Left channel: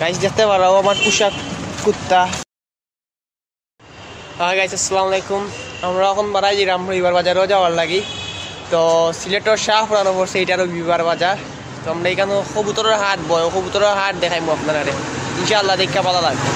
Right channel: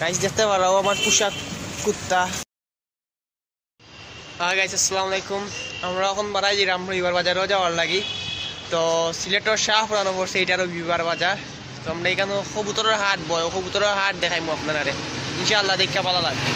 Guys দেখতে পারো আমার পোশাক কুত্তা। গাইস আসসালামু আলাইকুম। আমরা এখন বাড়াই দিলাম রবিবার বাজারেও যাওয়ার লাগি। তো সিলেটের শাহপুরানো পড়ছে এইটারও রবিবার বাজার। তো আমরা এখানে কবুতরের হাট বয়, কবুতরের হাট দেখাইমু আপনারা ইনশাআল্লাহ, দেখা ভালো লাগবে।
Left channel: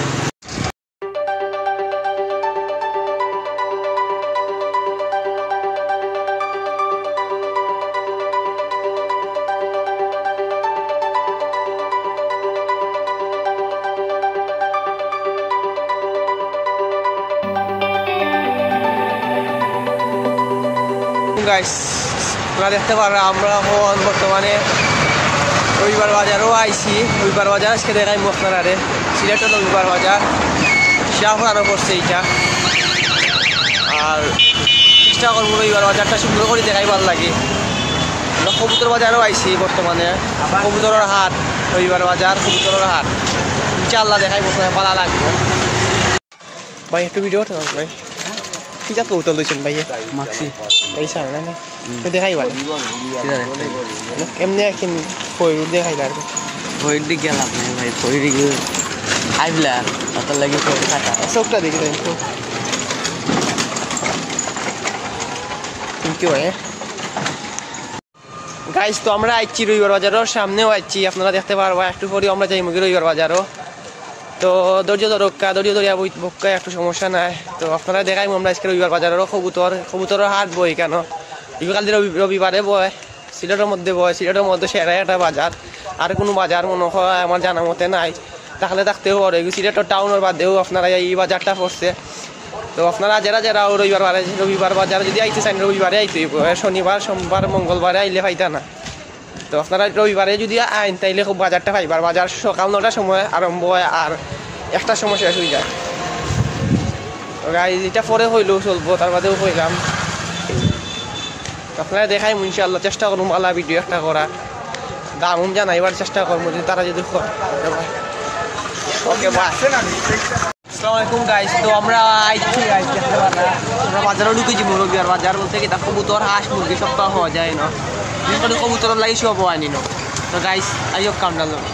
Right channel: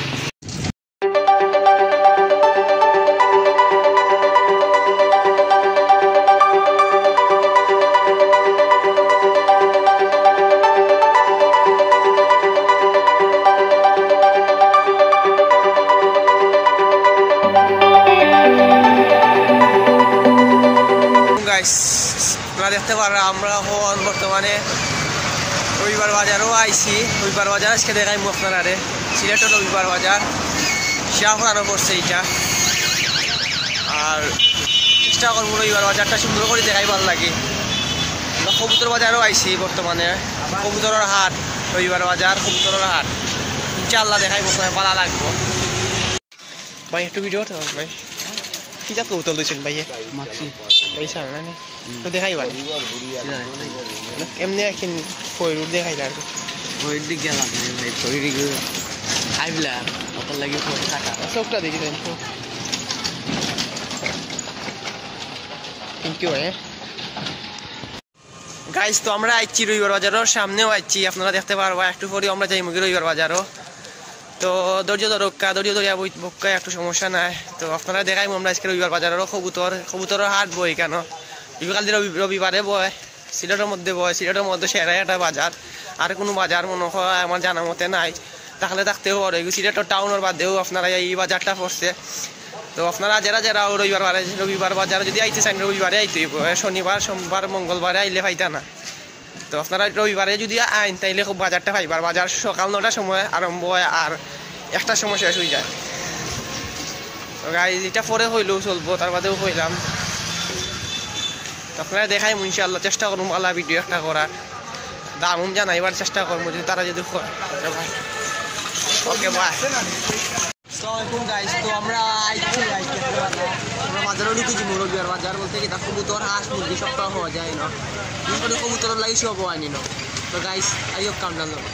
দেখতে পারো আমরা এখন বর্তমানে রবিবার বাজারও আইছি। রবিবার বাজার আজকে দেখাই আপনারা সিলেটের রবিবার বাজার শাহপুরানো পড়ছে এইটা। আর চেষ্টা করবো রবিবার বাজারটা সুন্দর করে দেখাই ভালো লাগে। কবুতর বাজারও আইছি বর্তমানে, কবুতরের হাট রবিবার বাজার, কবুতরের হাট ইনশাআল্লাহ দেখাই ভালো লাগবে। ভাই একটু ভিডিও ভাই কি যা কবুতর লইছেন ভাই? মাক্সি এই সামনে না তো দেখাই ভালো এমনি এখন ফয়রুল দেখাই লাগবে। ফয়র দিক গেলাম ভাই, ফয়র খাইবলা আপনার লাগে কাটা সবটা দেখে দেন কি হয় গাইস। তো আমরা আইছি রবিবার বাজারের সামনেও আইছি, আপনারা দেখতে পারবো। একটু পরে আমরা যাই মুগি রবিবার বাজারও। তো ধৈর্য ধরক্কা ধৈর্য ধরিয়া বক্কা একটু সমস্যা নাই। তো আপনারা দেখাই আমরা আজকে রবিবার বাজারেরও কবুতরের হাট বই কেন কাল রবিবারে বয়, সিলেটের মধ্যে বয়। সিলেটের মধ্যে সেরা একটা বাজার, আর কোনো বাজার মনে হয় আমার জানা মতে নাই, তাহলে থাকতেও পারে। সিলেটের টাউনের বাদেও আপনারা এই বাজারটা পড়ছে। তো আপনারা যারা রবিবার বাজার যদি আইতে চান রবিবারে আইতে, শনিবার সোমবার মঙ্গলবারে আইলে পাইতা না। তো আপনারা রবিবারে যদি আইন তাইলে খুব বাজারটা পাইবার। বাজার সকাল 9টার সময় আরম্ভ হয় আর 1টার সময় শেষ হয়ে যায়। গাড়ি যেটা পরে হইলেও চলবো, তার বাদেও হইলাম। আপনারা দেখাই ইনশাআল্লাহ, চেষ্টা করুন ভালো ভিডিও একটা করা, দাম জানাইবার চেষ্টা করবো যদি তারা যদি ওকে। আসসালামু আলাইকুম গাইস। তো আমরা আইছি দেখতে পারা আমরা বাজারে ঢুকেছি। রবিবার বাজার বলতে কি তার কবুতর হাঁস মুরগি সব হওয়া যায় না, কবুতর লাগে সব আনি না। তো গাইস আইও কামটা লোক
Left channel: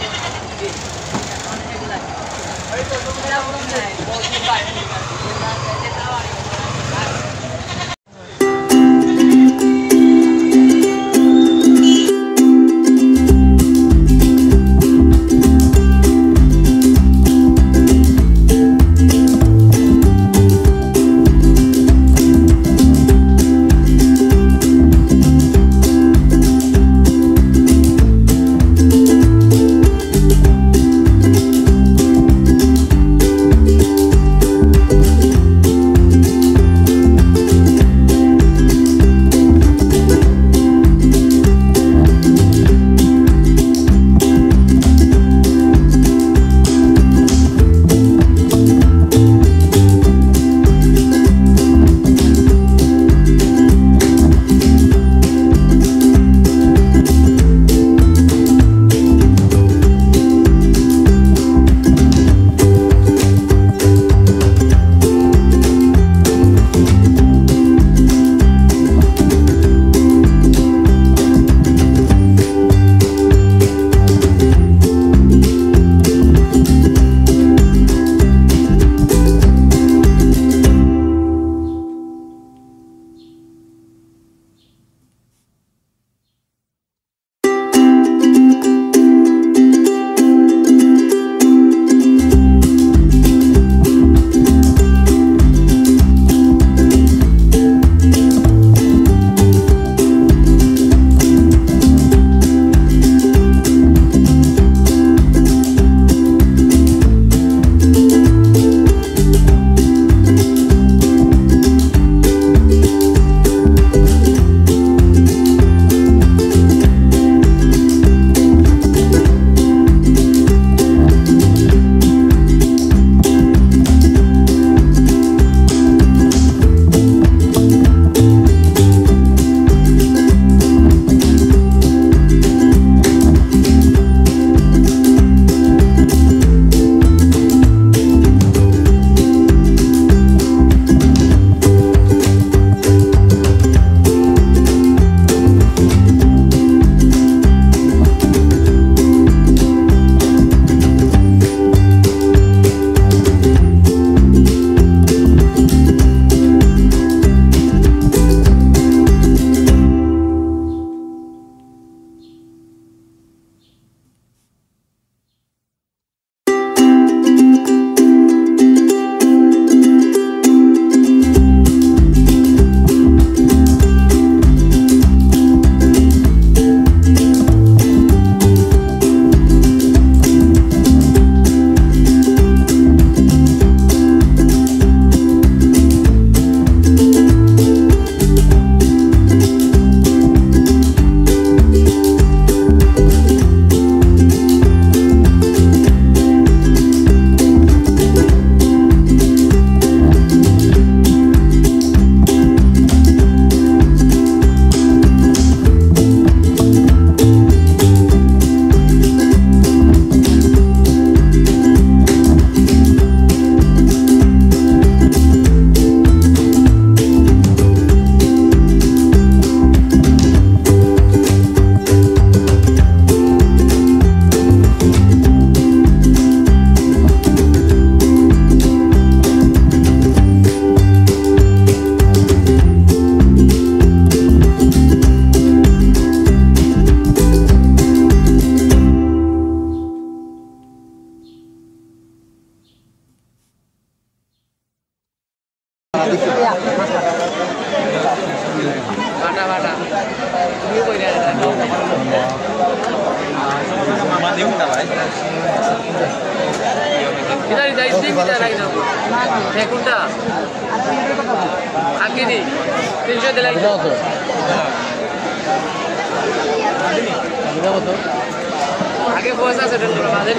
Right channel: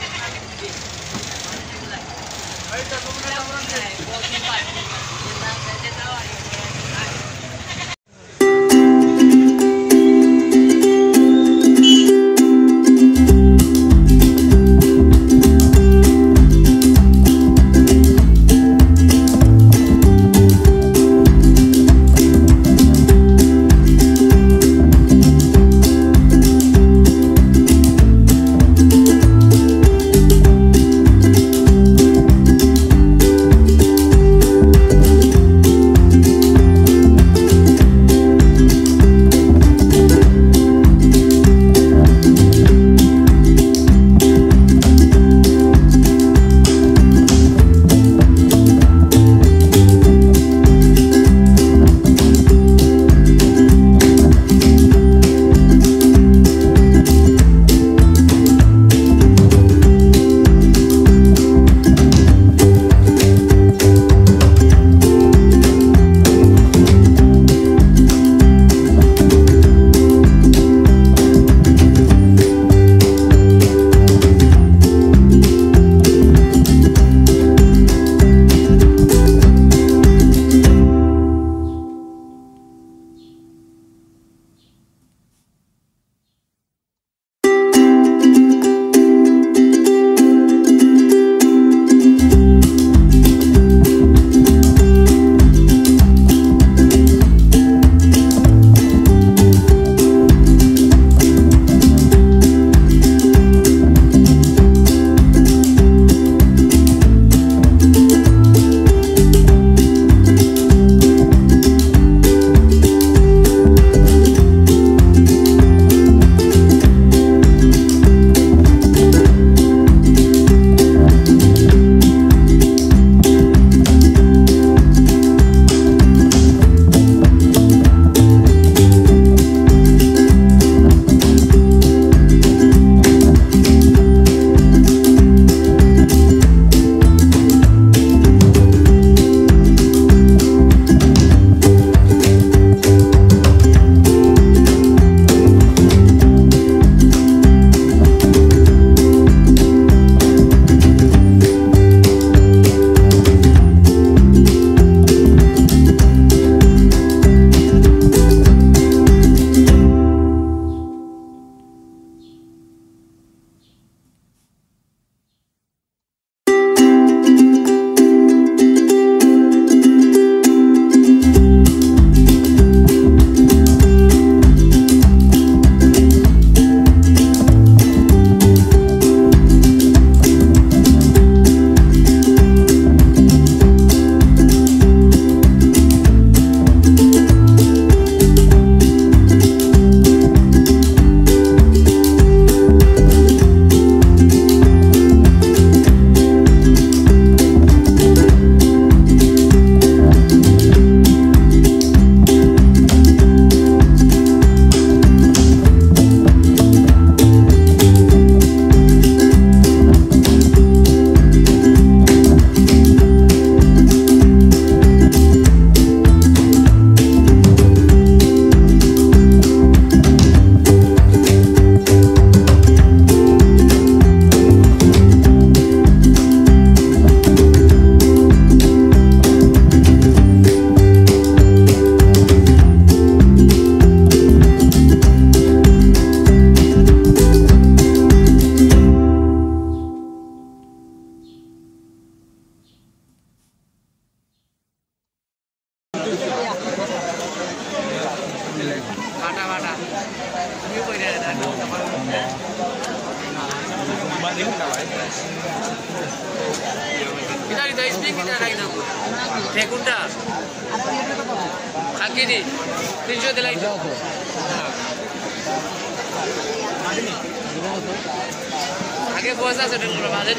আগে পয়সা আছে মাঝে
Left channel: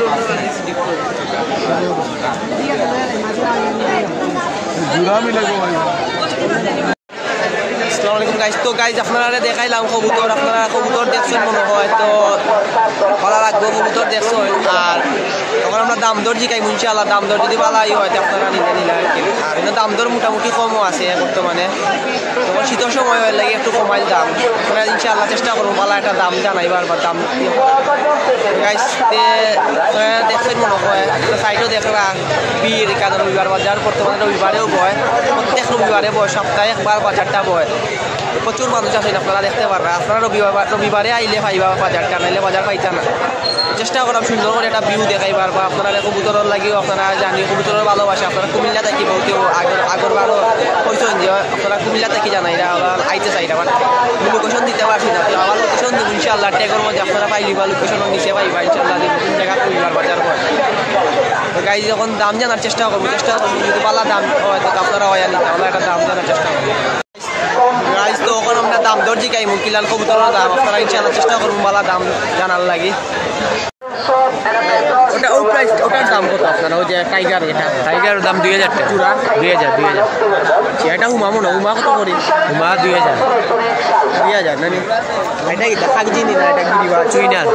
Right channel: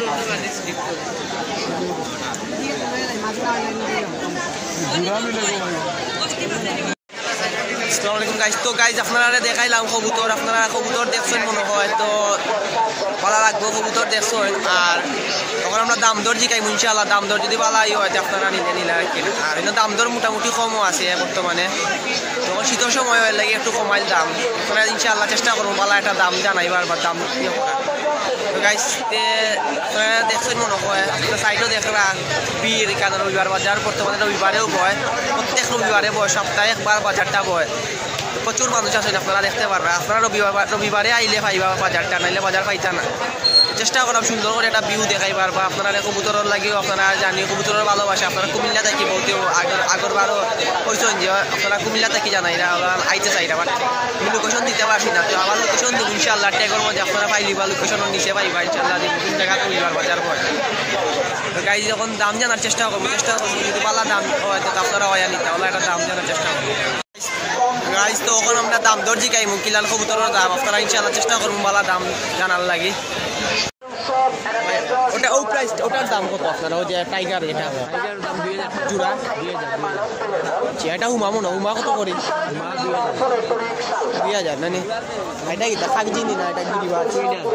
আসসালামু আলাইকুম গাইজ। তো গাইজ আপনারা দেখাইলাম কবুতর, আপনারা কবুতর দেখছেন মনে হয়, তো ভালো লাগবে কবুতর দেখছেন। আর তখন আমরা দাম দর জিকাই ইনশাআল্লাহ, দাম দর যদি ভালো হয় আপনারা নিলে নিলে আর কিন্তু দাম দর মোটামুটি কমও আছে বর্তমানে। তখন শীতের সময় হয়ে লাগে একটু কমাইল দাম, আপনারা ইনশাআল্লাহ চেষ্টা করুন ভালো একটা দাম জানাইবার বা দাম গাইজ দেখছেন মনে হয়। সাইডও দেখবা বীর কাজ রবিবার বাজার বর্তমানে রবিবারেও বয়, প্রত্যেক রবিবারে বয়, সপ্তাহে একবার বাজারটা বয়, প্রচুর মানুষ আছেন আপনারা দেখতে পারবেন। আপনারা রবিবারে আইলে পাইবা বাজারটা, নাইলে বাজার পাইতা না। চেষ্টা করাম সুন্দর করে একটা ভিউ দেখাইবার বা আপনারা কবুতরের লাগিও আপনারা জানি কবুতরের ভালোবাসা। আপনারা কুমিল্লা থাকি বলতে আগরবারও পরিচয় দিয়ে আপনারা কুমিল্লা থাকি জানাই আইতে চাই না, লোকেশন দিতে পারছি না। তো আমার লোকেশন দিব ইনশাআল্লাহ, ট্যাগের মধ্যে আপনারা পাইলি বা লোকেশনের নিচে পাইবা ইনশাআল্লাহ, জায়গা কুমিল্লার বাজার পর। তো গাইজ যখন দাম জানার চেষ্টা করবো যদি ভালো দাম হয় তো আপনারা হয় নিতে আমরা একটা দাম জানার চেষ্টা করবো গাইজ। তো ওখানে আমরা দাম দর জিকাই কিলান কবুতরের দাম আপনারা ইনশাআল্লাহ চেষ্টা করবো ভালো দাম জানার লাগে। ওটার দাম কত আপনার? ওই যে টাইগার, টাইগার দাম 2000 টাকা চূড়া 2000 এটা উমামো না, উমা কত করি? উমা 2000 না নি এটা কি কাগজি নি না, এটা কি চুইনার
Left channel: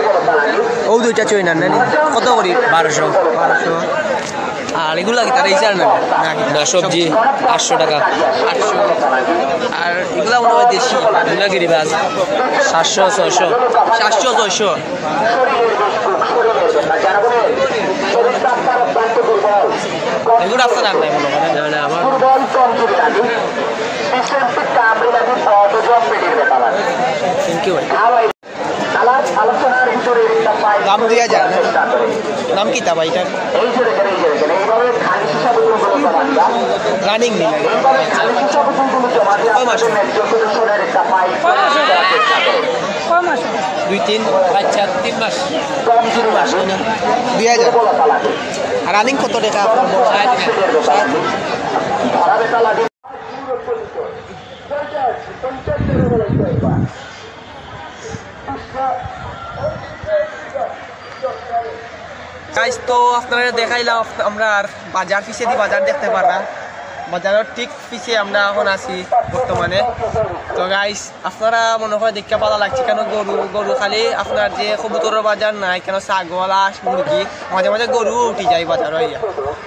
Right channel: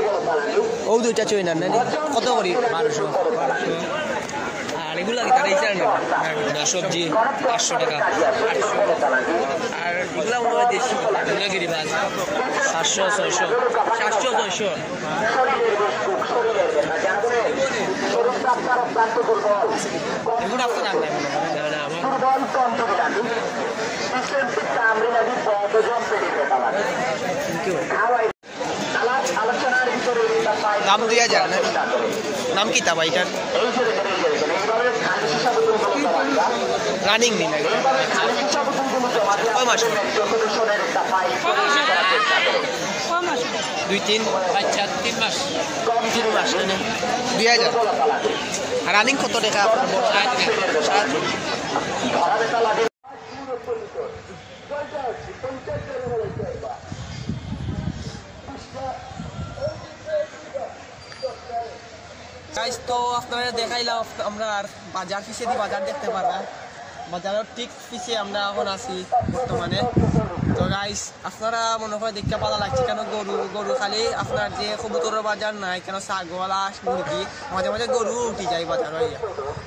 ও দুইটা চুইনার না নি কত করি? 1200। আর এগুলা কি তারা ইচার না না সবজি 800 টাকা 800। আর এগুলা মনে হয় দেশি এগুলা কি রিবাজ 700 600 700 600। এগুলো আপনার দাম নাই মনে হয় আমার দাম 2000 না? নাম কি তা ভাইটার? রানিং নি না কয় মাস? 2-3 বাচ্চা 3 মাস 3 মাস না 2000। আর রানিং কত টাকা আপনার? 60। গাইজ তো আপনারা দেখাইলাম আমরা আর বাজার পিছিয়ে দিয়ে বাজার দেখতে পারলাম, বাজারের ঠিক পিছিয়ে আমরা এখন আছি বর্তমানে। তো গাইজ আপনারা মনে হয় দেখতে ভালো লাগছে, কেন গরু খালি আপনার যে কবুতরের বাজার নাই, কেন ছাগল হাঁস মুরগি মাঝে মাঝে গরু উঠি যায় বাজার হইয়া।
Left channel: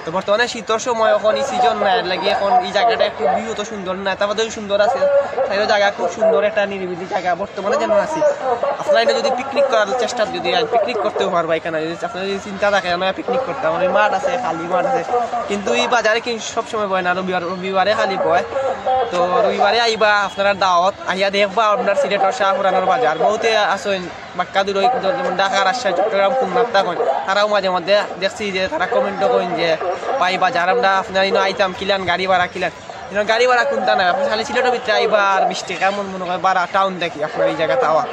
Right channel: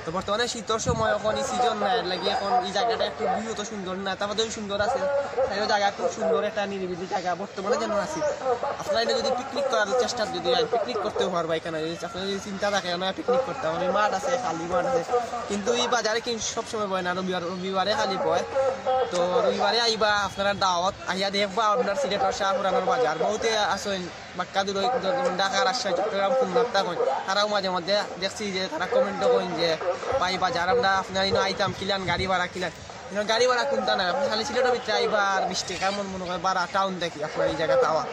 তো বর্তমানে শীতের সময় এখন এই সিজন নাই লাগে, এখন এই জায়গাটা একটু ভিউ তো সুন্দর না, তারপরে সুন্দর আছে সেই জায়গা, খুব সুন্দর একটা নিরিবিলি জায়গা বর্তমানে যেন আছি। আপনারা এটা যদি পিকনিক করার চেষ্টা যদি পিকনিক করতেও পারবা এখানে, যদি আপনারা যদি চিন্তা থাকে আমরা পিকনিক করতে, আমার মাঠ আছে, খালি মাঠ আছে, কিন্তু এই বাজারে কিন্তু সবসময় বয় না, রবিবারে খালি বয়। তো রবিবারে আইবা আপনারা দাওয়াত আইয়া দেখবা আপনার সিলেটের শাহপুরানোর বাজার বহুতে আসেন বাক্কা দূর, যেমন ঢাকা রাজশাহী চট্টগ্রাম খুলনাটা কইন, তারাও মাঝে মধ্যে দেখছি যে তারা কমেন্টও করেন যে পাই বাজার আমরা আপনার আইতাম কিলান গাড়ি ভাড়া কিলান, গাড়ি ভাড়া কোনটা না আপনি খালি সিলেটের ভিতরে আইবা আর 20 টাকা এমন মনে হয় ভাড়া টাউন দেখি আপনার এই জায়গাতে আওয়া।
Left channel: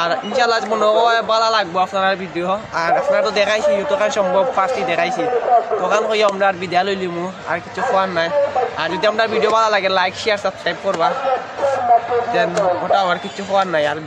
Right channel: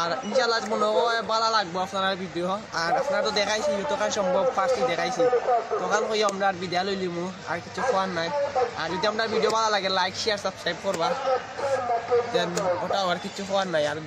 আর ইনশাআল্লাহ মনে হয় ভালো লাগবো আপনার ভিডিও। আর আপনারা তো দেখাইছি যতক্ষণ সম্ভব ফার্স্টই দেখাইছি, তখন কই আমরা আর বিদায় লইলিমু, আর কিছু খোয়ার নাই। আর যদি আপনার ভিডিও ভালো লাগে লাইক শেয়ার সাবস্ক্রাইব করবা, দেন ওটা আর কিছু খোয়ার নাই। আর